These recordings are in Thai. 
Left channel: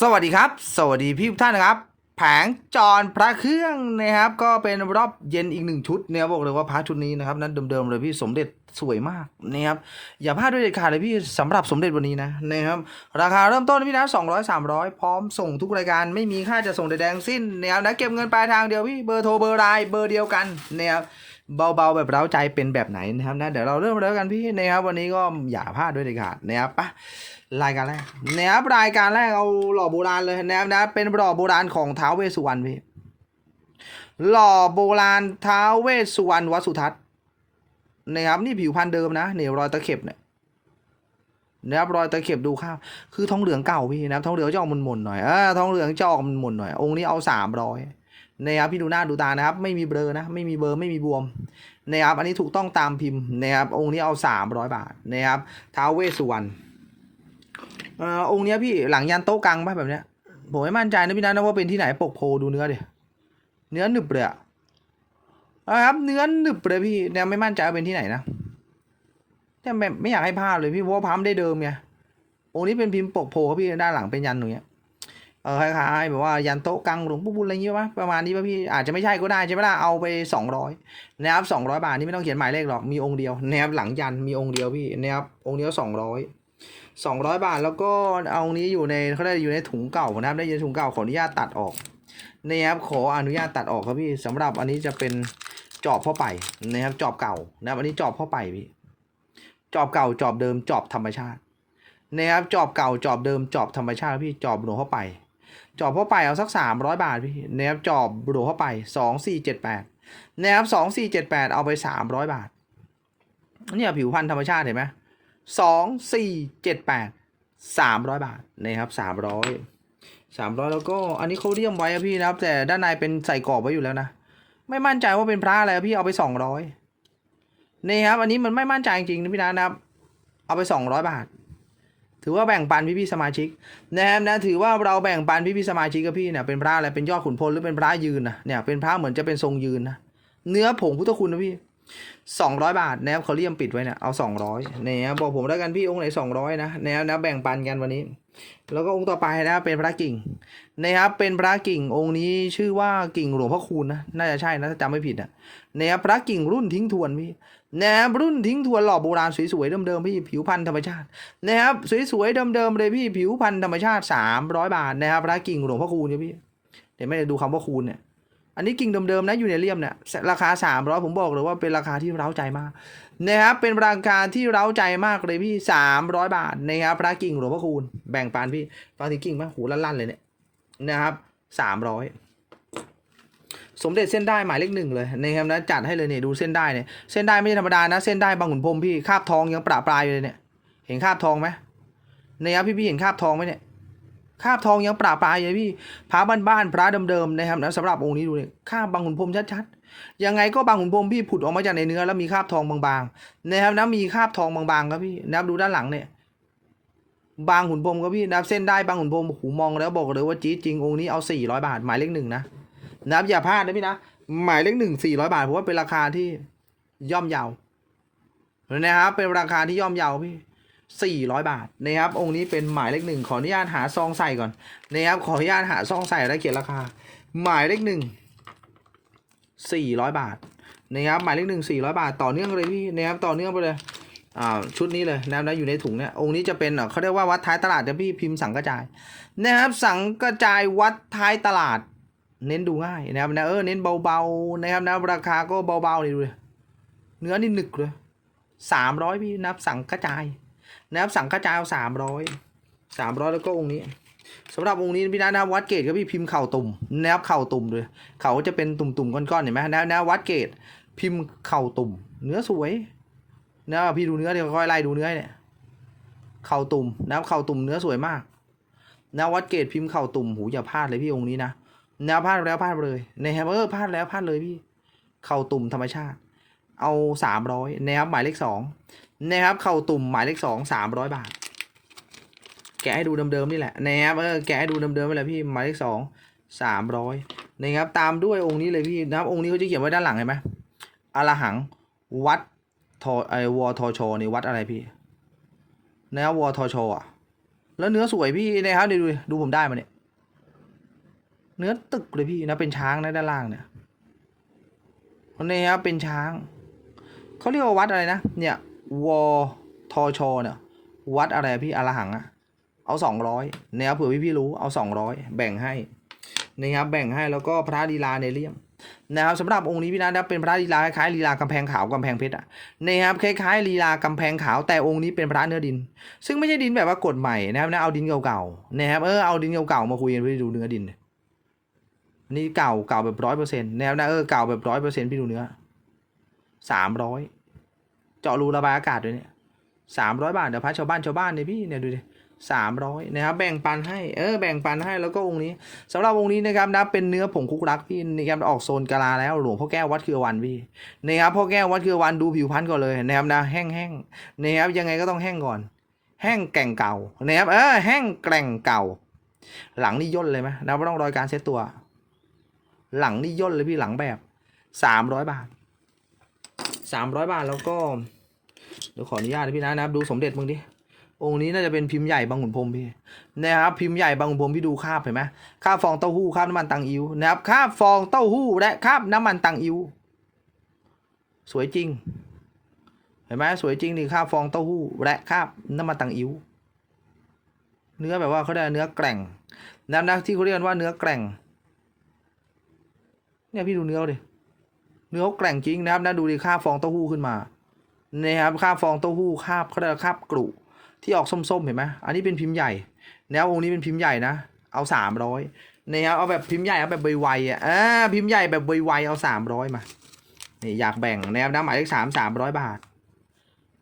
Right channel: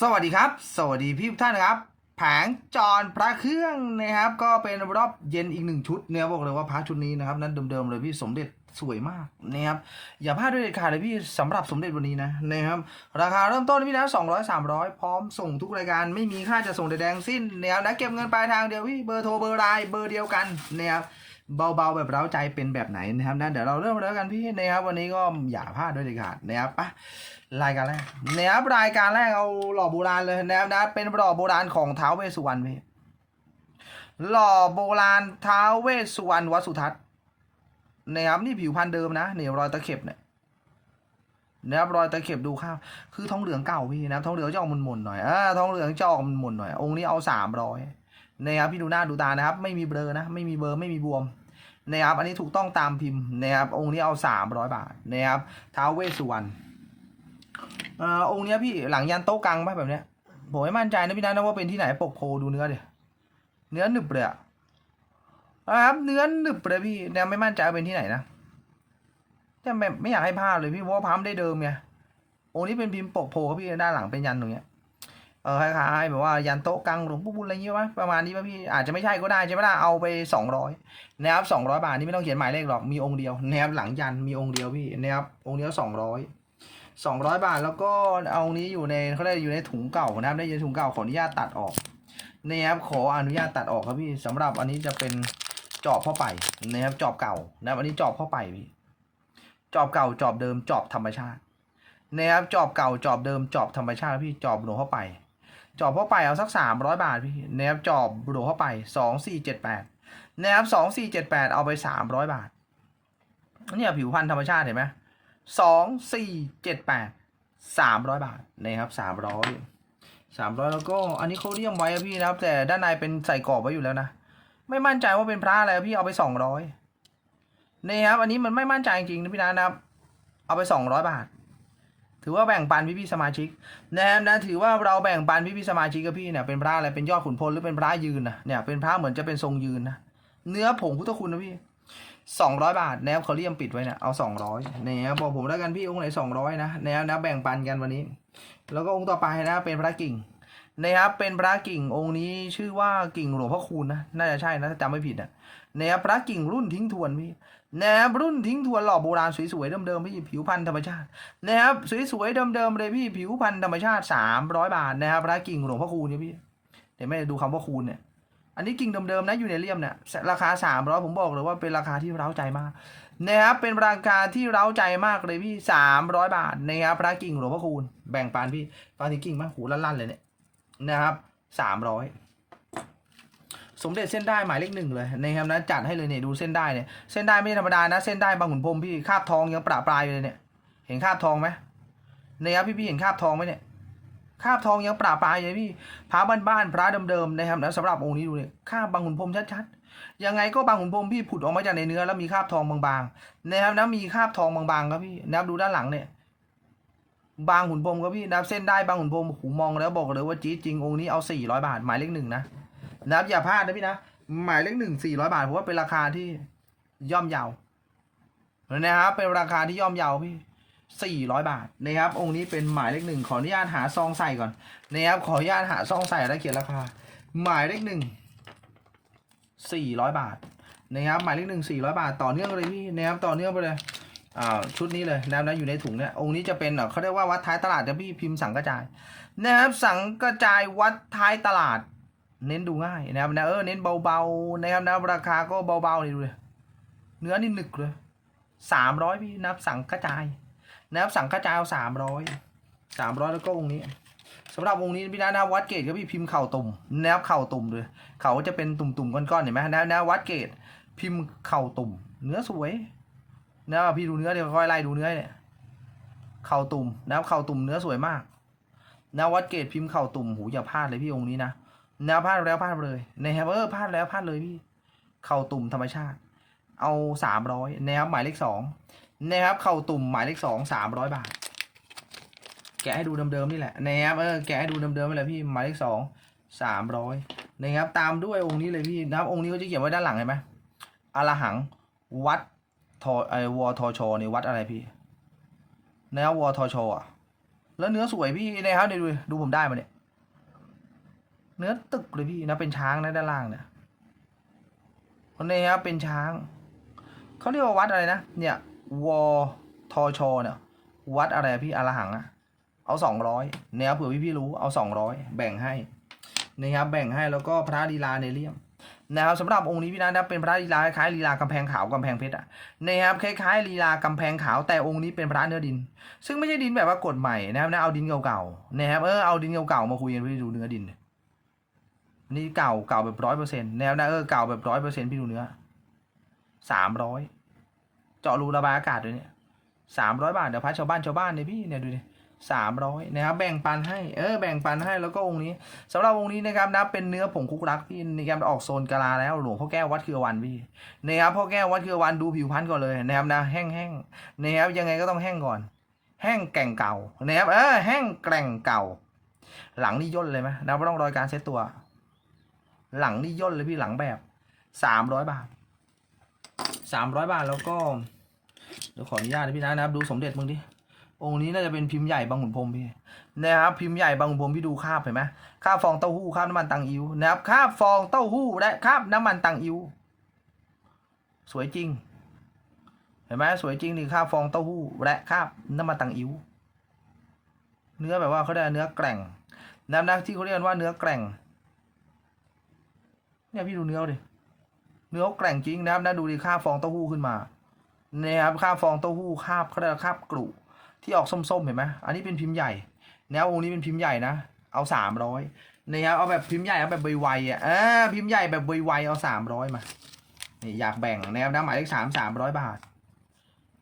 สวัสดีครับ สวัสดีพี่ทุกท่านนะครับ แผงจรพระเครื่องนะครับ ก็เป็นรอบเย็นอีกหนึ่งชุดเนี่ยบอกเลยว่าพระชุดนี้นะครับ นั้นเดิมๆเลยพี่สมเด็จสวยมากนะครับอย่าพลาดด้วยเด็ดขาดเลยพี่สำหรับสมเด็จวันนี้นะนะครับราคาเริ่มต้นพี่นะสองร้อยสามร้อยพร้อมส่งทุกรายการไม่มีค่าจะส่งใดๆทั้งสิ้นแนวนะเก็บเงินปลายทางเดียวพี่เบอร์โทรเบอร์ไลน์เบอร์เดียวกันนะครับเบาๆแบบเร้าใจเป็นแบบไหนนะครับนะเดี๋ยวเราเริ่มเลยกันพี่นะครับวันนี้ก็อย่าพลาดด้วยเด็ดขาดนะครับไป รายการแรกนะครับรายการแรกเอาหล่อโบราณเลยนะครับนะเป็นหล่อโบราณของท้าวเวสสุวรรณพี่หล่อโบราณท้าวเวสสุวรรณวัสุทัศน์นะครับนี่ผิวพันธุ์เดิมนะเนี่ยรอยตะเข็บเนี่ยนะครับรอยตะเข็บดูข้าวคือทองเหลืองเก่าพี่นะครับทองเหลืองจะออกมนๆหน่อยเออทองเหลืองจะออกมนๆหน่อย องค์นี้เอาสามร้อยนะครับพี่ดูหน้าดูตานะครับ ไม่มีเบลอนะไม่มีเบอร์ไม่มีบวมนะครับอันนี้ถูกต้องตามพิมพ์นะครับองค์นี้เอาสามร้อยบาทนะครับท้าวเวสสุวรรณ เอ่อองค์เนี้ยพี่หลังยันโต๊ะกลางป่ะแบบเนี้ยผมไม่มั่นใจนะพี่นะนะว่าเป็นที่ไหนปกโพดูเนื้อดิเนื้อหนึบเลยอะอะครับเนื้อหนึบเลยพี่เนี่ยไม่มั่นใจว่าเป็นที่ไหนนะแต่ไม่ไม่อยากให้พลาดเลยพี่เพราะว่าพัมได้เดิมไงองค์นี้เป็นพิมพ์ปกโพครับพี่ด้านหลังเป็นยันตรงเนี้ยเออคล้ายๆแบบว่ายันโต๊ะกลางหลวงปู่บุญอะไรอย่างเงี้ยป่ะประมาณนี้ป่ะพี่อาจจะไม่ใช่ก็ได้ใช่ไหมล่ะเอาไปสองร้อยนะครับสองร้อยบาทนี่ไม่ต้องเขียนหมายเลขหรอกมีองค์เดียวนะครับหลังยันมีองค์เดียวพี่นะครับองค์เดียวส องร้อยสองร้อยบาทแล้วก็เอานี้อยู่ในเขาได้อยู่ในถุงเก่านะครับ ได้อยู่ในถุงเก่าขออนุญาตตัดออกนี่ครับขออนุญาตตัดออกครับพี่สำหรับอันนี้จะเป็นจอบพ่อไปนะครับจอบเก่านะครับอันนี้จอบพ่อไปพี่จอบเก่าจอบเดิมจอบธรรมชาตินะครับจอบเก่าจอบเดิมจอบธรรมชาติพี่จอบหลวงพ่อไป จอบพ่อไปเอาสักสามร้อยบาทพี่นะครับจอบหลวงพ่อไปสองสี่เจ็ดแปดนะครับสองสี่เจ็ดแปดเอาไปสามร้อยบาทเนี่ยผิวพันธุ์ธรรมชาติเห็นไหม สองสี่เจ็ดแปดสามร้อยบาทนะครับสามร้อยสามร้อยแล้วก็อันนี้เขาเรียมไว้อะพี่นะครับ แต่ด้านในเป็นใส่กรอบไว้อยู่แล้วนะไม่มั่นใจว่าเป็นพระอะไรพี่เอาไปสองร้อยนี่ครับ อันนี้มันไม่มั่นใจจริงๆนะพี่นะนะครับ เอาไปสองร้อยบาท ถือว่าแบ่งปันพี่พี่สมาชิกนะครับนะถือว่าเราแบ่งปันพี่พี่สมาชิกกับพี่เนี่ยเป็นพระอะไรเป็นยอดขุนพลหรือเป็นพระยืนนะเนี่ยเป็นพระเหมือนจะเป็นทรงยืนนะเนื้อผงพุทธคุณนะพี่ สองร้อยบาทแนวเขาเรียมปิดไว้เนี่ยเอาสองร้อยเนี่ยบอกผมแล้วกันพี่องค์ไหนสองร้อยนะแนวนะแบ่งปันกันวันนี้ แล้วก็องค์ต่อไปนะเป็นพระกิ่งนะครับเป็นพระกิ่งองค์นี้ชื่อว่ากิ่งหลวงพ่อคูณนะน่าจะใช่นะถ้าจำไม่ผิดนะนะครับพระกิ่งรุ่นทิ้งทวนพี่นะครับรุ่นทิ้งทวนหล่อโบราณสวยๆเดิมๆพี่ผิวพันธุ์ธรรมชาตินะครับสวยๆเดิมๆเลยพี่ผิวพันธุ์ธรรมชาติสามร้อยบาทนะครับพระกิ่งหลวงพ่อคูณเนี่ยพี่เดี๋ยวไม่ได้ดูคำว่าคูณเนี่ย อันนี้กิ่งเดิมๆนะอยู่ในเลี่ยมเนี่ยราคาสามร้อยผมบอกเลยว่าเป็นราคาที่เร้าใจมากนะครับเป็นราคาที่เร้าใจมากเลยพี่สามร้อยบาทนะครับพระกิ่งหลวงพ่อคูณแบ่งปันพี่ฟังถึงกิ่งมากหูลั่นๆเลยเนี่ยนะครับสามร้อยสมเด็จเส้นได้หมายเลขหนึ่งเลยนะครับนะจัดให้เลยเนี่ยดูเส้นได้เนี่ยเส้นได้ไม่ใช่ธรรมดานะเส้นได้บางขุนพรมพี่คาบทองยังประปรายอยู่เลยเนี่ยเห็นคาบทองไหมนะครับพี่พี่เห็นคาบทองไหมเนี่ย คาบทองยังปราบปรายเลยพี่พระบ้านๆพระเดิมๆนะครับนะสำหรับองค์นี้ดูเนี่ยคาบบางขุนพรมชัดๆยังไงก็บางขุนพรมพี่ผุดออกมาจากในเนื้อแล้วมีคาบทองบางๆนะครับนะมีคาบทองบางๆครับพี่นะครับดูด้านหลังเนี่ยบางขุนพรมครับพี่นะครับเส้นได้บางขุนพรมหูมองแล้วบอกเลยว่าจี๊ดจริงองค์นี้เอาสี่ร้อยบาทหมายเลขหนึ่งนะนะครับอย่าพลาดนะพี่นะหมายเลขหนึ่งสี่ร้อยบาทผมว่าเป็นราคาที่ย่อมเยาวนะครับเป็นราคาที่ย่อมเยาวพี่ สี่ร้อยบาทนะครับองค์นี้เป็นหมายเลขหนึ่งขออนุญาตหาซองใส่ก่อนนะครับขออนุญาตหาซองใส่แล้วเขียนราคา หมายเลขหนึ่งสี่ร้อยบาทนะครับหมายเลขหนึ่งสี่ร้อยบาท ต่อเนื่องเลยพี่นะครับต่อเนื่องไปเลยอ่าชุดนี้เลยนะครับนะอยู่ในถุงเนี่ยองค์นี้จะเป็นเขาเรียกว่าวัดท้ายตลาดนะพี่พิมพ์สังกระจายนะครับสังกระจายวัดท้ายตลาด เน้นดูง่ายนะครับนะเออเน้นเบาๆนะครับนะราคาก็เบาๆเลยดูเลยเนื้อนี่หนึกเลยสามร้อยพี่นะครับสังกระจาย นะครับสังฆจายสามร้อยสามร้อยแล้วก็องค์นี้สำหรับองค์นี้พี่นะนะวัดเกตก็พี่พิมพ์เข่าตุ่มนะครับเข่าตุ่มเลยเขาจะเป็นตุ่มๆก้อนๆเห็นไหมนะนะวัดเกตพิมพ์เข่าตุ่ม เนื้อสวยนะครับพี่ดูเนื้อเดี๋ยวค่อยไล่ดูเนื้อเนี่ยเข่าตุ่มนะครับเข่าตุ่มเนื้อสวยมากนะวัดเกตพิมพ์เข่าตุ่มหูอย่าพลาดเลยพี่องค์นี้นะนะพลาดแล้วพลาดเลยนะครับเออพลาดแล้วพลาดเลยพี่ เข่าตุ่มธรรมชาติ เอาสามร้อยนะครับหมายเลขสอง นะครับเข่าตุ่มหมายเลขสองสามร้อยบาท แกะให้ดูเดิมๆนี่แหละนะครับเออแกะให้ดูเดิมๆไปเลยพี่หมายเลขสองสามร้อยนะครับตามด้วยองค์นี้เลยพี่นะครับองค์นี้เขาจะเขียนไว้ด้านหลังเห็นไหมอรหังวัดทอไอวอทอชอนี่วัดอะไรพี่นะครับวอทอชออะแล้วเนื้อสวยพี่นะครับดูดูผมได้มาเนี่ย เนื้อตึกเลยพี่นะเป็นช้างนะด้านล่างเนี่ยนี่ครับเป็นช้างเขาเรียกว่าวัดอะไรนะเนี่ย วทอชอเนี่ยวัดอะไรพี่อรหังอะเอาสองร้อยนี่ยครับเผื่อพี่พี่รู้เอาสองร้อยแบ่งให้นะครับแบ่งให้แล้วก็พระลีลาในเลี่ยมนะครับสำหรับองค์นี้พี่นัทนะเป็นพระลีลาคล้ายลีลากำแพงขาวกำแพงเพชรอะนะครับคล้ายๆลีลากำแพงขาวแต่องค์นี้เป็นพระเนื้อดิน ซึ่งไม่ใช่ดินแบบว่ากดใหม่นะครับนะเอาดินเก่าๆนะครับเออเอาดินเก่าๆมาคุยกันพี่ดูเนื้อดิน นี่เก่าเก่าแบบร้อยเปอร์เซ็นต์นะครับนะเออเก่าแบบร้อยเปอร์เซ็นต์พี่ดูเนื้อสามร้อย เจาะรูระบายอากาศด้วยเนี่ยสามร้อยบาทเดี๋ยวพัดชาวบ้านชาวบ้านเนี่ยพี่เนี่ยดูดิสามร้อยนะครับแบ่งปันให้เออแบ่งปันให้แล้วก็องค์นี้สำหรับองค์นี้นะครับนะเป็นเนื้อผงคุกรักพี่นะครับออกโซนกะลาแล้วหลวงพ่อแก้ววัดคือวันพี่นะครับพ่อแก้ววัดคือวันดูผิวพรรณก่อนเลยนะครับนะแห้งๆนะครับยังไงก็ต้องแห้งก่อน แห้งแก่งเก่านะครับเออแห้งแกร่งเก่า หลังนี่ย่นเลยไหมนับว่าต้องรอยการเซ็ตตัว หลังนี่ย่นเลยพี่หลังแบบสามร้อยบาทสามร้อยบาทแล้วก็ เดี๋ยวขออนุญาตนะพี่นะนะครับ ดูสมเด็จมึงดิ องค์นี้น่าจะเป็นพิมพ์ใหญ่บางขุนพรมพี่นะครับพิมพ์ใหญ่บางขุนพรมพี่ดูคาบเห็นไหมคาบฟองเต้าหู้คาบน้ำมันตังอิ้วนะครับคาบฟองเต้าหู้และคาบน้ำมันตังอิ้วสวยจริง เห็นไหมสวยจริงนี่คาบฟองเต้าหู้และคาบน้ำมันตังอิ้วเนื้อแบบว่าเขาได้เนื้อแกร่งนะนะที่เขาเรียกว่าเนื้อแกร่ง เนี่ยพี่ดูเนื้อดิ เนื้อแกร่งจริงนะครับนะดูดิค่าบฟองเต้าหู้ขึ้นมา นะครับคาบฟองเต้าหู้คาบเขาเรียกคาบกรุที่ออกส้มๆเห็นไหมอันนี้เป็นพิมพ์ใหญ่ แนวองค์นี้เป็นพิมพ์ใหญ่นะ เอาสามร้อยนะครับเอาแบบพิมพ์ใหญ่เอาแบบใบๆอะอ่าพิมพ์ใหญ่แบบใบๆเอาสามร้อยมานี่อยากแบ่งนะครับนะหมายเลขสามสามร้อยบาท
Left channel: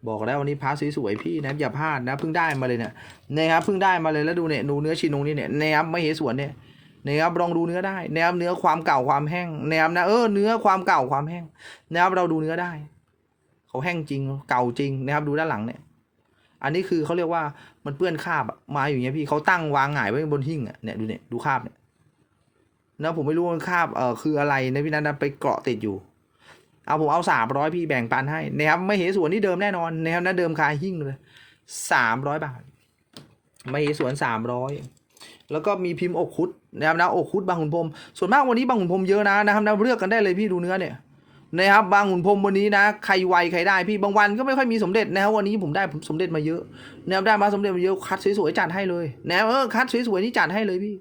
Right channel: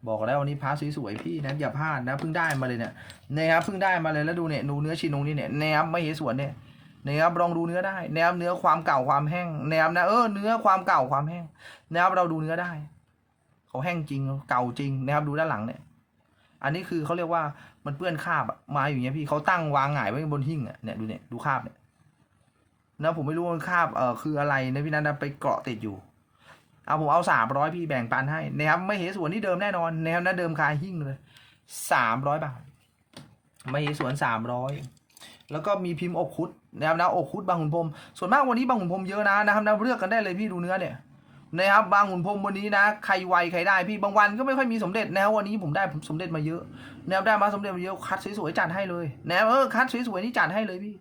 บอกแล้ววันนี้พาสวยๆพี่นะอย่าพลาดนะเพิ่งได้มาเลยเนี่ยนะครับเพิ่งได้มาเลยแล้วดูเนี่ยดูเนื้อชินงนี่เนี่ยนะครับไม่เห็นสวนเนี่ยนะครับลองดูเนื้อได้นะครับเนื้อความเก่าความแห้งนะครับนะเออเนื้อความเก่าความแห้งนะครับเราดูเนื้อได้ เขาแห้งจริงเก่าจริงนะครับดูด้านหลังเนี่ย อันนี้คือเขาเรียกว่ามันเปื้อนคราบมาอยู่เงี้ยพี่เขาตั้งวางหงายไว้บนหิ้งอะเนี่ยดูเนี่ยดูคราบเนี่ยนะผมไม่รู้ว่าคราบเออคืออะไรนะพี่นัทนไปเกาะติดอยู่ เอาผมเอาสามร้อยพี่แบ่งปันให้นะครับไม่เหสวนที่เดิมแน่นอนนะครับนะเดิมคาหิ้งเลยสามร้อยบาท ไม่เหสวนสามร้อยแล้วก็มีพิมพ์อกคุดนะครับนะอกคุดบางขุนพรมส่วนมากวันนี้บางขุนพรมเยอะนะนะครับนะเลือกกันได้เลยพี่ดูเนื้อเนี่ย นะครับบางขุนพรมวันนี้นะใครไวใครได้พี่บางวันก็ไม่ค่อยมีสมเด็จนะครับวันนี้ผมได้ผมสมเด็จมาเยอะนะครับได้มาสมเด็จมาเยอะคัดสวยๆจัดให้เลยนะเออคัดสวยๆนี่จัดให้เลยพี่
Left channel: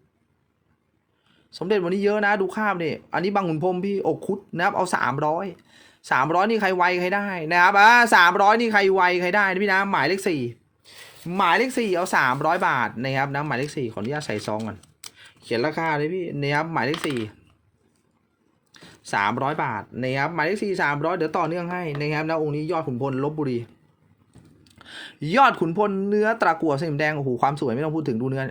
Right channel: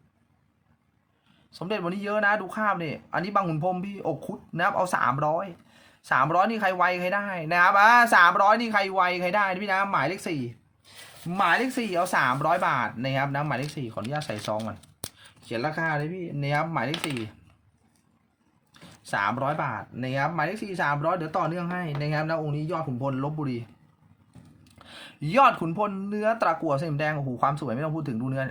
สมเด็จวันนี้เยอะนะ ดูคาบเนี่ยอันนี้บางขุนพรมพี่อกคุดนะครับเอาสามร้อยสามร้อยนี่ใครไวใครได้นะครับอ่าสามร้อยนี่ใครไวใครได้นะพี่นะหมายเลขสี่หมายเลขสี่เอาสามร้อยบาทนะครับนะหมายเลขสี่ขออนุญาตใส่ซองก่อนเขียนราคาเลยพี่นะครับหมายเลขสี่ สามร้อยบาทนะครับหมายเลขสี่สามร้อยเดี๋ยวต่อเนื่องให้นะครับนะองค์นี้ยอดขุนพลลบบุรี ยอดขุนพลเนื้อตะกั่วสนิมแดงโอ้โหความสวยไม่ต้องพูดถึงดูเนื้อ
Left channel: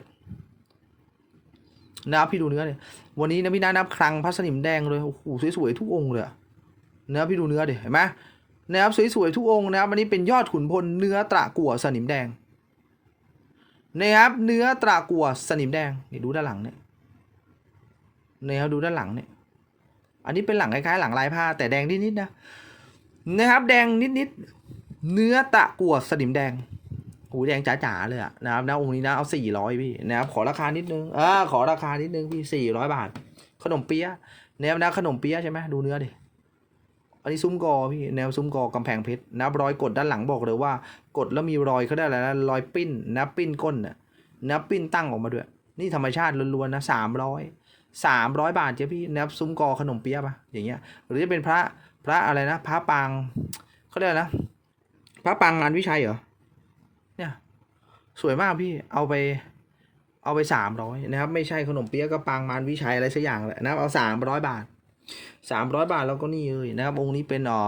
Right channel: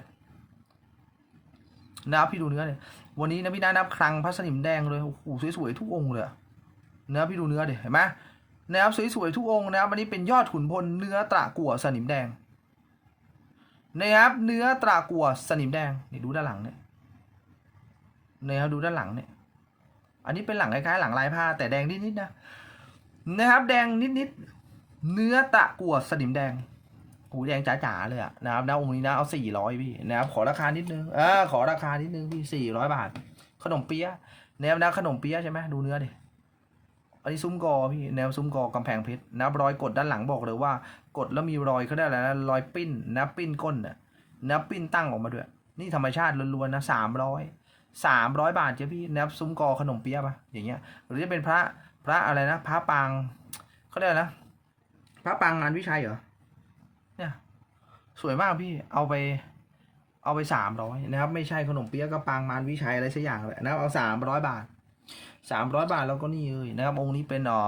นะครับพี่ดูเนื้อเนี่ยวันนี้นะพี่นะนับคลังพระสนิมแดงเลยโอ้โหสวยๆทุกองค์เลยอะเนื้อพี่ดูเนื้อเดิเห็นไหมนะครับสวยๆทุกองค์นะครับอันนี้เป็นยอดขุนพลเนื้อตะกั่วสนิมแดงนะครับเนื้อตะกั่วสนิมแดงนี่ดูด้านหลังเนี่ยนะครับดูด้านหลังเนี่ย อันนี้เป็นหลังคล้ายๆหลังลายผ้า แต่แดงนิดๆนะนะครับ แดงนิดๆเนื้อตะกั่วสนิมแดงหูแดงจ๋าๆเลยอะนะครับนะองค์นี้นะเอาสี่ร้อยพี่นะครับขอราคานิดนึงอ่าขอราคานิดนึงพี่สี่ร้อยบาท ขนมเปี๊ยะแนวนะขนมเปี๊ยะใช่ไหมดูเนื้อดิอันนี้ซุ้มกอพี่แนวซุ้มกอกำแพงเพชรนะรรอยกดด้านหลังบอกเลยว่ากดแล้วมีรอยเขาได้อะไรนะรอยปิ้นนะปิ้นก้นเนี่ยนะปิ้นตั้งออกมาด้วย นี่ธรรมชาติล้วนๆนะสามร้อย สามร้อยบาทเจ้พี่แนบซุ้มกอขนมเปี๊ยะปะอย่างเงี้ยหรือจะเป็นพระพระอะไรนะพระปางเขาเรียกนะพระปางงานวิชัยเหรอเนี่ยสวยมากพี่เอาไปเอาไปสามร้อยนะครับไม่ใช่ขนมเปี๊ยะก็ปางมารวิชัยอะไรสักอย่างแหละนะครับเอาสามร้อยบาทสามร้อยบาทแล้วก็นี่เลยนะครับ องค์นี้เป็นอ่อ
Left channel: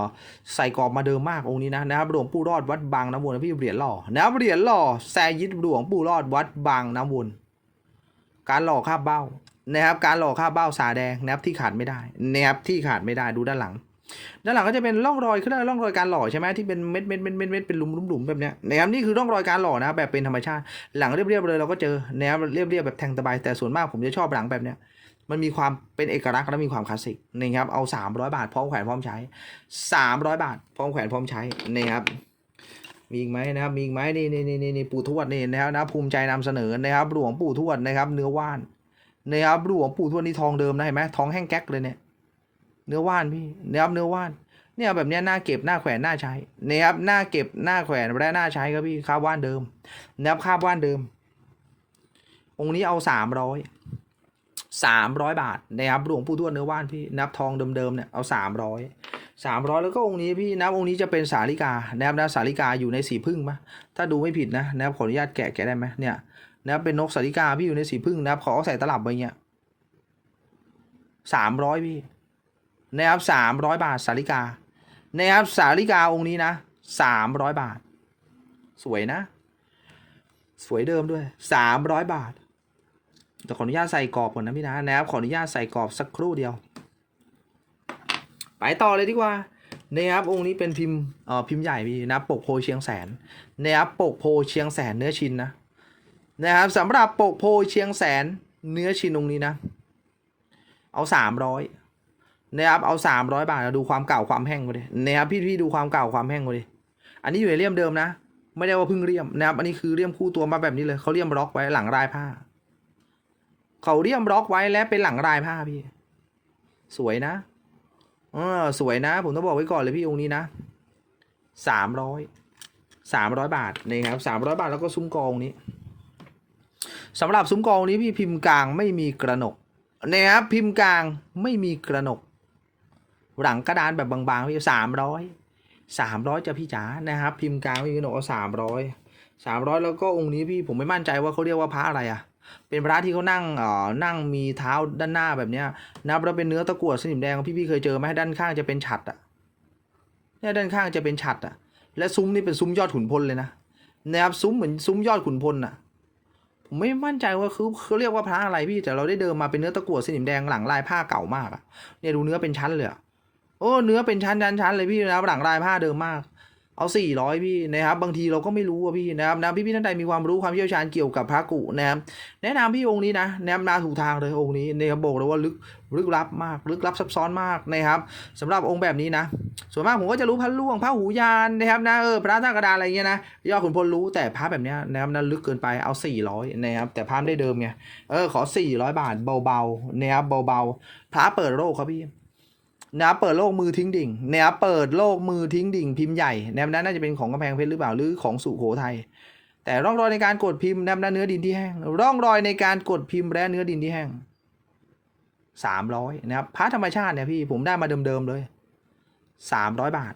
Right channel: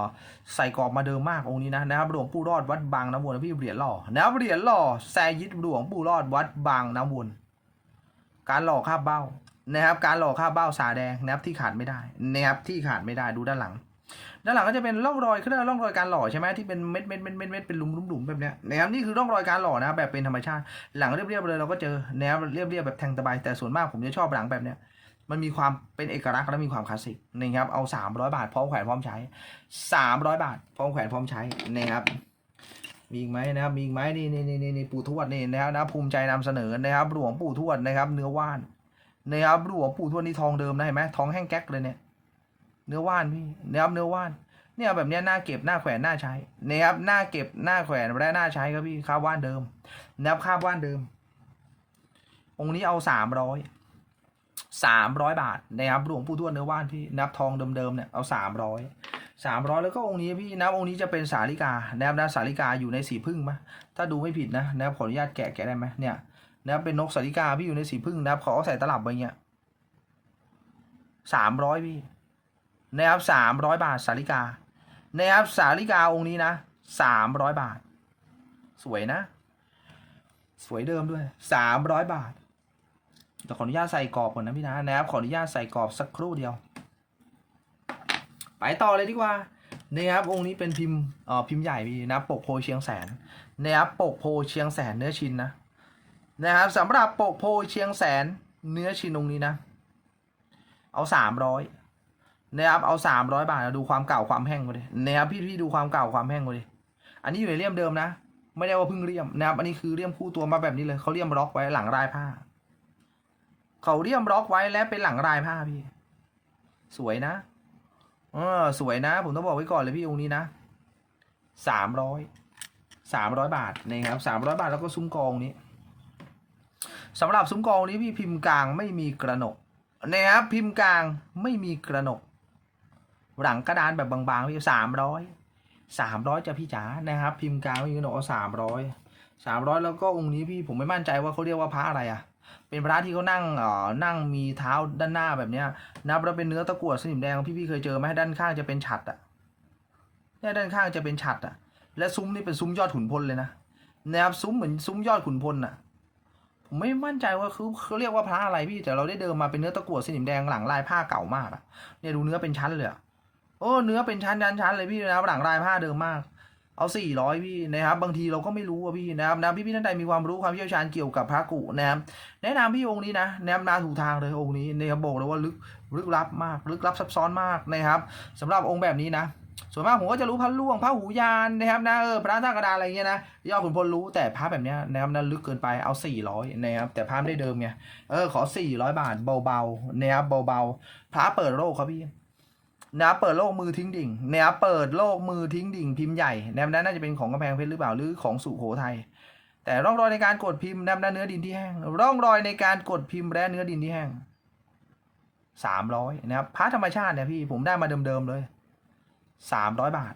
ใส่กรอบมาเดิมมากองค์นี้นะนะครับหลวงปู่รอดวัดบางน้ำวนนะพี่เหรียญหล่อนะครับเหรียญหล่อแซยิดหลวงปู่รอดวัดบางน้ำวนการหล่อคาบเบ้า นะครับการหล่อคาเบ้าสาแดงนะครับที่ขาดไม่ได้นะครับที่ขาดไม่ได้ดูด้านหลัง ด้านหลังก็จะเป็นร่องรอยขาเรียกว่าร่องรอยการหล่อใช่ไหมที่เป็นเม็ดเม็ดเม็ดเม็ดเม็ดเป็นหลุมหลุมหลุมแบบเนี้ยนะครับนี่คือร่องรอยการหล่อนะครับแบบเป็นธรรมชาติ หลังเรียบๆเลยเราก็เจอแนวเรียบๆแบบแทงตะไบแต่ส่วนมากผมจะชอบหลังแบบเนี้ยมันมีความเป็นเอกลักษณ์และมีความคลาสสิกนะครับเอา 300 บาทพร้อมแขวนพร้อมใช้ 300 บาทพร้อมแขวนพร้อมใช้นะครับมีอีกไหมนะครับมีอีกไหมนี่นี่นี่นี่ปู่ทวดนี่นะครับนะภูมิใจนำเสนอนะครับหลวงปู่ทวดนะครับเนื้อว่าน นะครับหลวงปู่ทวดนี่ทองเดิมนะเห็นไหมทองแห้งแก๊กเลยเนี่ย เนื้อว่านพี่เนะครับเนื้อว่าน เนี่ยแบบเนี้ยหน้าเก็บหน้าแขวนหน้าใช้เนะครับหน้าเก็บหน้าแขวนและหน้าใช้ครับพี่คาบว่านเดิมนะครับคาบว่านเดิม องค์นี้เอาสามร้อยสามร้อยบาทนะครับหลวงปู่ทวดเนื้อว่านพี่นับทองเดิมๆเนี่ยเอาสามร้อยสามร้อยแล้วก็องค์นี้พี่นับองค์นี้จะเป็นสาลิกานะครับนะสาลิกาอยู่ในสีพึ่งมะถ้าดูไม่ผิดนะนะครับขออนุญาตแกะแกะได้ไหมเนี่ย นะครับเป็นนกสาลิกาพี่อยู่ในสีพึ่งนะครับขอใส่ตลับไปเงี้ยสามร้อยพี่นะครับสามร้อยบาทสาลิกานะครับสาลิกาองค์นี้นะสามร้อยบาท สวยนะ สวยเดิมด้วยสามร้อยบาทแต่ขออนุญาตใส่กรอบก่อนนะพี่นะนะครับขออนุญาตใส่กรอบสักครู่เดียว ไปต่อเลยดีกว่านะครับองค์นี้เป็นพิมพ์เอ่อพิมพ์ใหญ่พี่นะปกโพเชียงแสนนะครับปกโพเชียงแสนเนื้อชิ้นนะ นะครับสำหรับโปกโพเชียงแสนเนื้อชินองนี้นะ เอาสามร้อยนะครับเอาสามร้อยบาทนะดูความเก่าความแห้งมาดินะครับพี่พี่ดูความเก่าความแห้งมาดิอันนี้อยู่ในเลี่ยมเดิมนะ ไม่ได้ว่าเพิ่งเลี่ยมนะครับ อันนี้คือเลี่ยมคู่ตัวมาแบบนี้เลยเขาเลี่ยมล็อกไว้หลังรายผ้าเขาเลี่ยมล็อกไว้และเป็นหลังรายผ้าพี่ สวยนะเออสวยนะ ผมต้องบอกไว้ก่อนเลยพี่องค์นี้นะสามร้อยสามร้อยบาทนะครับสามร้อยบาทแล้วก็ซุ้มกองนี้ สำหรับซุ้มกองนี้พี่พิมพ์กลางไม่มีกระหนกนะครับพิมพ์กลางไม่มีกระหนก หลังกระดานแบบบางๆพี่สามร้อยสามร้อยจะพี่จ๋านะครับ พิมพ์กลางไม่มีกระหนกสามร้อยสามร้อยแล้วก็องค์นี้พี่ผมไม่มั่นใจว่าเขาเรียกว่าพระอะไรอะเป็นพระที่เขานั่งเอ่อนั่งมีเท้าด้านหน้าแบบเนี้ยนับแล้วเป็นเนื้อตะกั่วสนิมแดงพี่พี่เคยเจอไหมด้านข้างจะเป็นฉัดอะเนี่ยด้านข้างจะเป็นฉัดอะ และซุ้มนี่เป็นซุ้มยอดขุนพลเลยนะนะครับซุ้มเหมือนซุ้มยอดขุนพลอะ ไม่มั่นใจว่าคือเขาเรียกว่าพระอะไรพี่แต่เราได้เดิมมาเป็นเนื้อตะกั่วสนิมแดงหลังลายผ้าเก่ามากอะเนี่ยดูเนื้อเป็นชั้นเลยอะโอ้เนื้อเป็นชั้นชั้นชั้นเลยพี่นะหลังลายผ้าเดิมมาก เอาสี่ร้อยพี่นะครับ บางทีเราก็ไม่รู้อะพี่นะครับนะพี่พี่ท่านใดมีความรู้ความเชี่ยวชาญเกี่ยวกับพระกุนะครับแนะนำพี่องค์นี้นะแนะนำมาถูกทางเลยองค์นี้นะครับบอกเลยว่าลึกลึกลับมากลึกลับซับซ้อนมากนะครับสำหรับองค์แบบนี้นะ ส่วนมากผมก็จะรู้พระล่วงพระหูยานนะครับนะเออพระท่ากระดาอะไรเงี้ยนะยอดขุนพลรู้แต่พระแบบเนี้ยนะครับนะลึกเกินไปเอา 400 นะครับ แต่พระไม่ได้เดิมไงเออขอ 400 บาทเบาๆนะครับเบาๆพระเปิดโลกครับพี่ นะครับเปิดโลกมือทิ้งดิ่งนะครับเปิดโลกมือทิ้งดิ่งพิมพ์ใหญ่นะครับน่าจะเป็นของกำแพงเพชรหรือเปล่าหรือของสุโขทัยแต่ร่องรอยในการกดพิมพ์นะครับและเนื้อดินที่แห้งร่องรอยในการกดพิมพ์และเนื้อดินที่แห้งสามร้อยนะครับพระธรรมชาติเนี่ยพี่ผมได้มาเดิมๆเลยสามร้อยบาท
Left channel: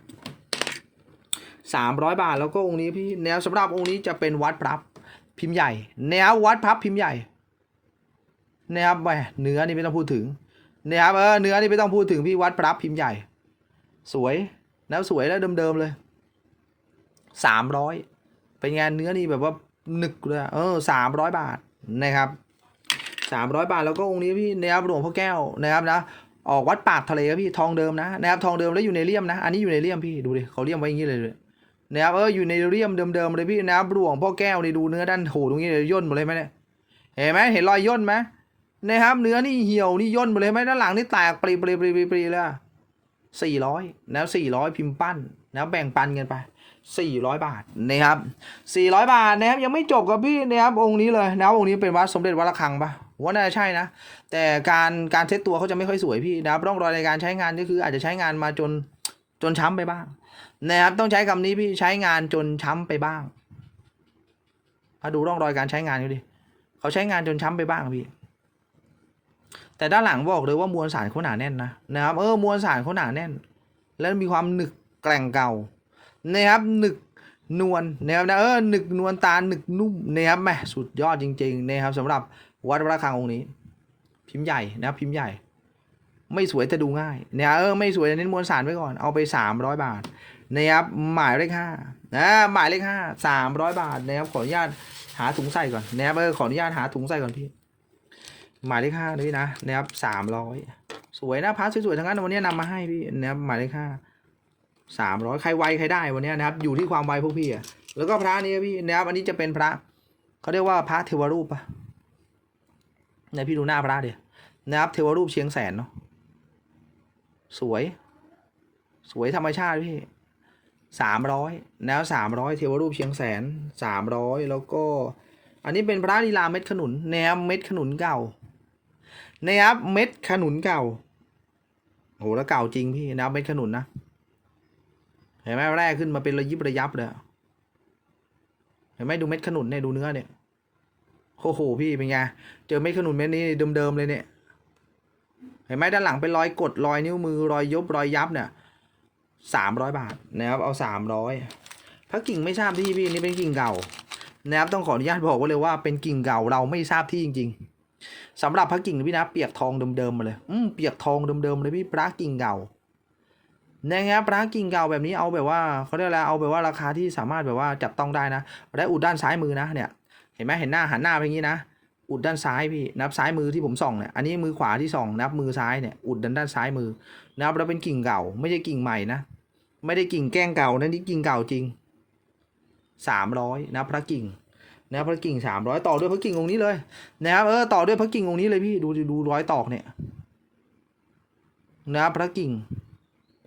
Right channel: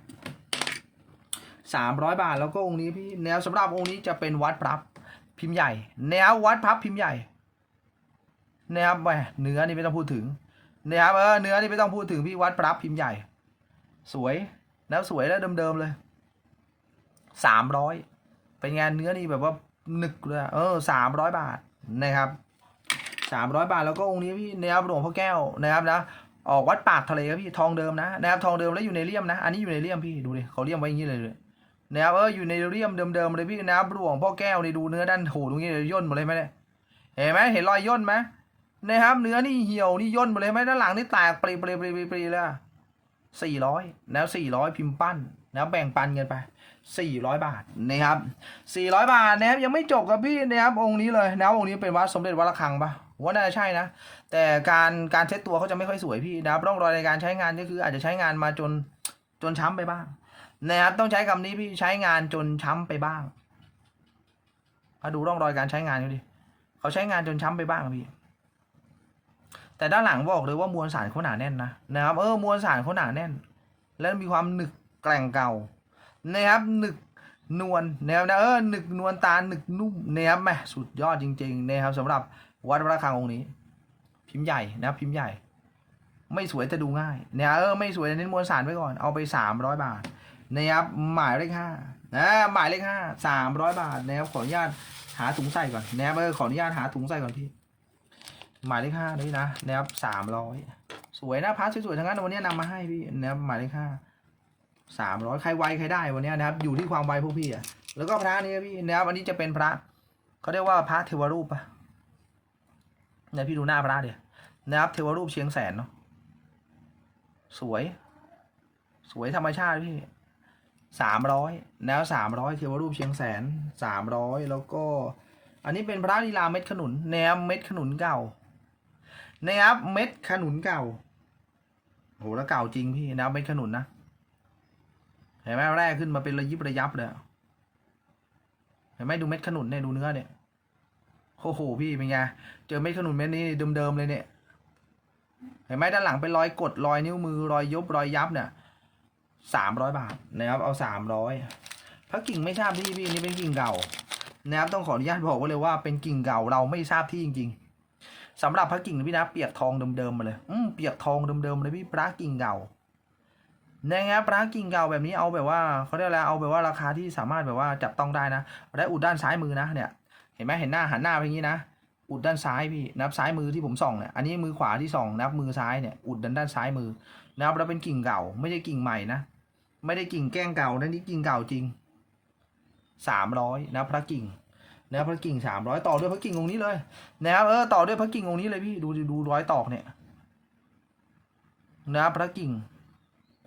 สามร้อยบาทแล้วก็องค์นี้พี่แนวสำหรับองค์นี้จะเป็นวัดพรับพิมพ์ใหญ่ แนววัดพับพิมพ์ใหญ่นะครับแหมเนื้อนี่ไม่ต้องพูดถึง เนะครับเออเนื้อนี่ไม่ต้องพูดถึงพี่วัดพรับพิมพ์ใหญ่ สวยแล้วสวยแล้วเดิมๆเลยสามร้อยเป็นงานเนื้อนี่แบบว่าหนึกเลยเออสามร้อยบาทนะครับสามร้อยบาทแล้วก็องค์นี้พี่นะครับหลวงพ่อแก้วนะครับนะออกวัดปากทะเลครับพี่ทองเดิมนะนะครับทองเดิมแล้วอยู่ในเลี่ยมนะ อันนี้อยู่ในเลี่ยมพี่ดูดิเขาเลี่ยมไว้อย่างนี้เลยเลยนะครับเอออยู่ในเลี่ยมเดิมๆเลยพี่นะครับหลวงพ่อแก้วนี่ดูเนื้อด้านโหตรงนี้เลยย่นหมดเลยไหมเนี่ยเห็นไหมเห็นรอยย่นไหม นะครับเนื้อนี่เหี่ยวนี่ย่นหมดเลยไหมด้านหลังนี่แตกปรีปรีปรีปรีปรีเลยสี่ร้อยแล้วสี่ร้อยพิมพ์ปั้นนะแบ่งปันกันไป400บาทนะครับ400บาทนะครับยังไม่จบกับพี่นะครับองค์นี้เลยนะองค์นี้เป็นวัดสมเด็จวัดระฆังปะว่าน่าจะใช่นะ แต่การการเช็ดตัวเขาจะไม่ค่อยสวยพี่นะครับร่องรอยในการใช้งานก็คือ อาจจะใช้งานมาจนจนช้ำไปบ้างนะครับต้องใช้คำนี้พี่ใช้งานจนช้ำไปบ้างมาดูร่องรอยการใช้งานดูดิเขาใช้งานจนช้ำไปบ้างพี่ แต่ด้านหลังบอกเลยว่ามวลสารเขาหนาแน่นนะนะครับเออมวลสารเขาหนาแน่น แล้วมีความหนึกแกร่งเก่านะครับหนึกนวลนะครับนะเออหนึกนวลตาหนึกนุ่มนะครับแมสุดยอดจริงๆนะครับสำหรับวัดพระฆังองค์นี้ พิมพ์ใหญ่นะครับพิมพ์ใหญ่ ไม่สวยแต่ดูง่ายนะเออไม่สวยเน้นมวลสารไว้ก่อนเอาไปสามร้อยบาทนะครับหมายเลขห้านะหมายเลขห้าสามร้อยบาทนะครับขออนุญาตหาถุงใส่ก่อนนะครับเออขออนุญาตหาถุงใส่ก่อนพี่ หมายเลขห้านี่นะนะครับสามร้อยสวยนะพาร์ทสวยๆทั้งนั้นวันนี้นำมาให้พี่นะครับหมายเลขห้าสามร้อยใครไวใครได้วันนี้นะครับ อยู่ที่ความไวพวกพี่อะแล้วก็พระนี้พี่นะครับอันนี้จะเป็นพระเขาเรียกว่าพระเทวรูปปะเนี่ยพี่ดูหน้าพระเดียนะครับเทวรูปเชียงแสนเนาะสวย สวยธรรมชาติพี่สามร้อยแนวสามร้อยเทวรูปเชียงแสนสามร้อยแล้วก็ อันนี้เป็นพระลีลาเม็ดขนุนแนวเม็ดขนุนเก่า นะครับเม็ดขนุนเก่าโหแล้วเก่าจริงพี่แนวเม็ดขนุนนะเห็นไหมแรกขึ้นมาเป็นระยิบระยับเลยอเห็นไหมดูเม็ดขนุนเนี่ยดูเนื้อเนี่ยโอ้โหพี่เป็นไงเจอเม็ดขนุนเม็ดนี้เดิมๆเลยเนี่ย เห็นไหมด้านหลังเป็นรอยกดรอยนิ้วมือรอยยบรอยยับเนี่ยสามร้อยบาทนะครับเอาสามร้อยพระกิ่งไม่ทราบที่พี่นนี่เป็นกิ่งเก่านะครับต้องขออนุญาตบอกไว้เลยว่าเป็นกิ่งเก่าเราไม่ทราบที่จริง ๆ สำหรับพระกิ่งพี่นะเปียกทองเดิมๆมาเลย อืมเปียกทองเดิมๆเลยพี่พระกิ่งเก่านะครับพระกิ่งเก่าแบบนี้เอาแบบว่าเขาเรียกอะไรเอาแบบว่าราคาที่สามารถแบบว่าจับต้องได้นะและอุดด้านซ้ายมือนะเนี่ยเห็นไหมเห็นหน้าหันหน้าไปอย่างนี้นะอุดด้านซ้ายพี่นับซ้ายมือที่ผมส่องเนี่ยอันนี้มือขวาที่ส่องนับมือซ้ายเนี่ยอุดด้านด้านซ้ายมือนับแล้วเป็นกิ่งเก่า ไม่ใช่กิ่งใหม่นะไม่ได้กิ่งแกล้งเก่านะนี่กิ่งเก่าจริงสามร้อยนะพระกิ่ง นะพระกิ่งสามร้อยต่อด้วยพระกิ่งองค์นี้เลยนะครับเออต่อด้วยพระกิ่งองค์นี้เลยพี่ดูดูร้อยตอกเนี่ยนะพระกิ่ง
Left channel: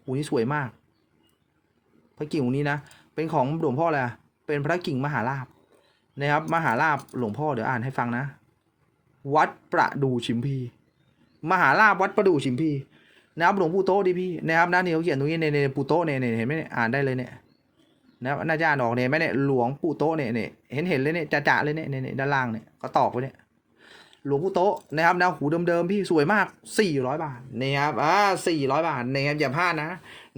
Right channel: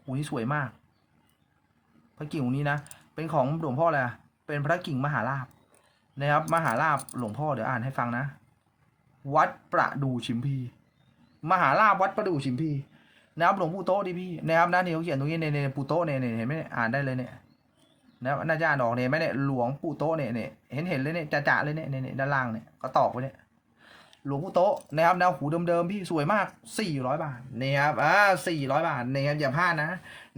โอ้ยสวยมาก พระกิ่งองค์นี้นะเป็นของหลวงพ่อแหละไรเป็นพระกิ่งมหาลาภนะครับมหาลาภหลวงพ่อเดี๋ยวอ่านให้ฟังนะ วัดประดูชิมพี มหาลาภวัดประดูชิมพีนะครับหลวงปู่โตดิพี่นะครับด้านนี้เขาเขียนตรงนี้ในในปู่โตเนี่ยเน่เห็นไหมอ่านได้เลยเนี่ย นะครับน่าจะอ่านออกเนี่ยไหมเนี่ยหลวงปู่โตเนี่ยเนี่ยเห็นเห็นเลยเนี่ยจะจะเลยเนี่ยเนี่ยด้านล่างเนี่ยก็ตอกไว้เนี่ยหลวงปู่โตนะครับแนวหูเดิมๆพี่สวยมากสี่ร้อยบาทนะครับอ่าสี่ร้อยบาทนะครับอย่าพลาดนะ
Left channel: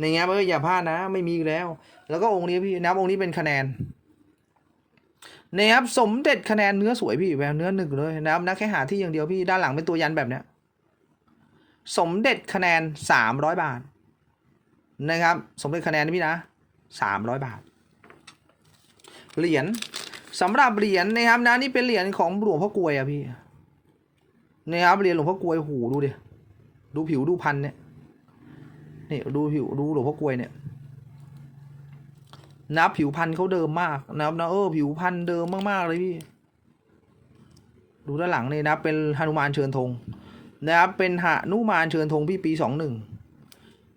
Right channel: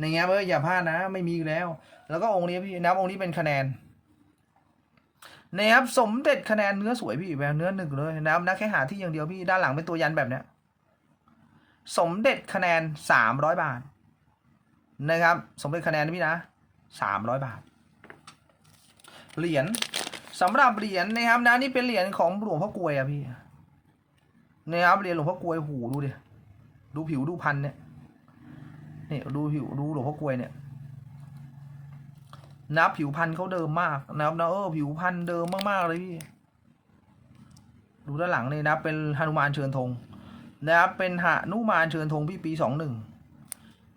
นะครับเอออย่าพลาดนะ ไม่มีแล้ว แล้วก็องค์นี้พี่นะองค์นี้เป็นคะแนนนะครับสมเด็จคะแนนเนื้อสวยพี่แววเนื้อหนึ่งเลยนะครับนะแค่หาที่อย่างเดียวพี่ด้านหลังเป็นตัวยันแบบเนี้ยสมเด็จคะแนนสามร้อยบาทนะครับสมเด็จคะแนนพี่นะสามร้อยบาท เหรียญสำหรับเหรียญนะครับนะนี่เป็นเหรียญของหลวงพ่อกลวยอะพี่นะครับเหรียญหลวงพ่อกลวยหูดูดิดูผิวดูพันเนี่ยนี่ดูผิวดูหลวงพ่อกลวยเนี่ยนะผิวพันเขาเดิมมากนะครับนะเออผิวพันเดิมมากๆเลยพี่ดูด้านหลังนี่นะเป็นหนุมานเชิญธงนะครับเป็นหนุมานเชิญธงพี่ปีสองหนึ่ง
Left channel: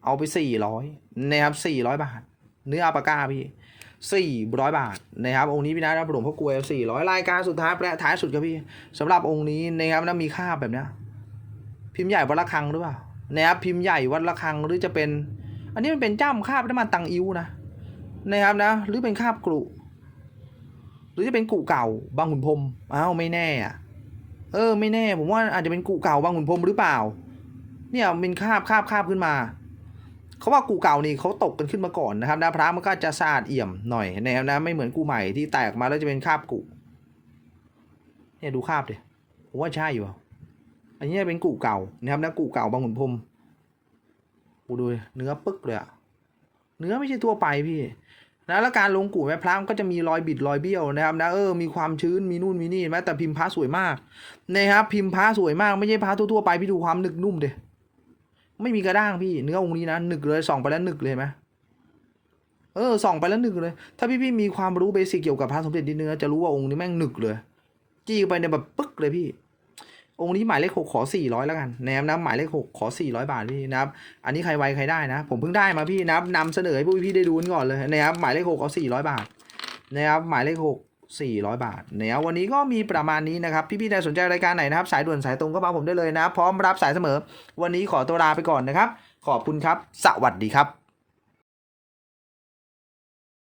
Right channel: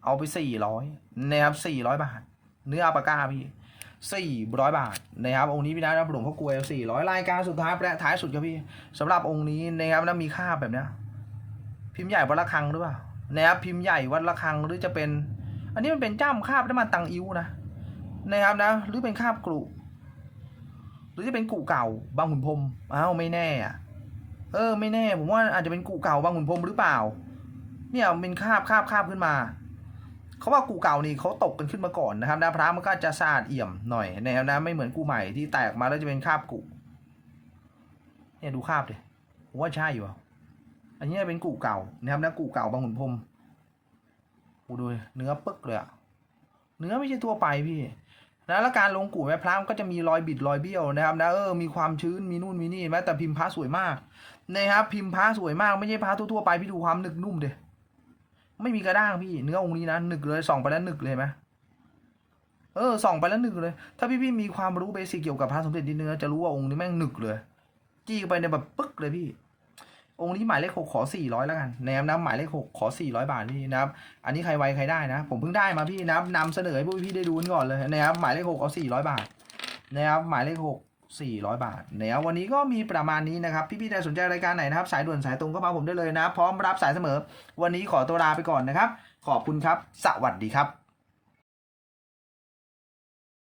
เอาไปสี่ร้อยนะครับสี่ร้อยบาท เนื้ออัปปาก้าพี่ สี่ร้อยบาทนะครับองค์นี้พี่นะหลวงพ่อกลวยสี่ร้อยรายการสุดท้ายแปะท้ายสุดครับพี่สำหรับองค์นี้นะครับนะมีค่าบแบบเนี้ยพิมพ์ใหญ่วัดระฆังหรือเปล่านะครับพิมพ์ใหญ่วัดระฆังหรือจะเป็น อันนี้มันเป็นจ้ำคาบน้ำมันตังอิ้วนะนะครับนะหรือเป็นคาบกรุหรือจะเป็นกุเก่าบางขุนพรมอ้าวไม่แน่อะเออไม่แน่ ผมว่าอาจจะเป็นกุเก่าบางขุนพรมหรือเปล่า เนี่ยเป็นคาบคาบคาบขึ้นมา เขาว่ากูเก่านี่เขาตกกันขึ้นมาก่อนนะครับนะพระมันก็จะสะอาดเอี่ยมหน่อยนะครับนะไม่เหมือนกูใหม่ที่แตกมาแล้วจะเป็นคาบกุเนี่ยดูคาบดิผมว่าใช่อยู่อันนี้เป็นกูเก่านะครับนะกูเก่าบางขุนพรมกูดูเนื้อปึ๊กเลยอะเนื้อไม่ใช่ทั่วไปพี่นะแล้วการลงกู่แม่พระมันก็จะมีรอยบิดรอยเบี้ยวนะครับนะเออมีความชื้นมีนู่นมีนี่แม้แต่พิมพ์พระสวยมากนะครับพิมพ์พระสวยมากไม่ใช่พระทั่วๆไปพี่ดูความหนึกนุ่มเด ไม่มีกระด้างพี่เนื้อองค์นี้นะหนึกเลยส่องไปแล้วหนึกเลยไหมเออส่องไปแล้วหนึกเลย ถ้าพี่พี่มีความรู้เบสิกเกี่ยวกับพระสมเด็จดินเนื้อจะรู้ว่าองค์นี้แม่งหนึกเลย จี้ไปในแบบปึ๊กเลยพี่ องค์นี้หมายเลขหกขอสี่ร้อยแล้วกันนะครับนะหมายเลขหกขอสี่ร้อยบาทพี่นะครับ อันนี้ใครไวใครได้นะ ผมเพิ่งได้มาพี่นะครับนำเสนอให้พวกพี่ได้ดูก่อนเลยนะครับหมายเลขหกเอาสี่ร้อยบาทนะครับหมายเลขหก สี่ร้อยบาทนะครับวันนี้ก็มีประมาณนี้นะครับ พี่ๆใครสนใจรายการไหนนะครับ สายด่วนสายตรงก็มาผมได้เลยนะ พร้อมรับสายเสมอ วันนี้ขอตัวลาไปก่อนนะครับ ขอบคุณครับ สวัสดีครับ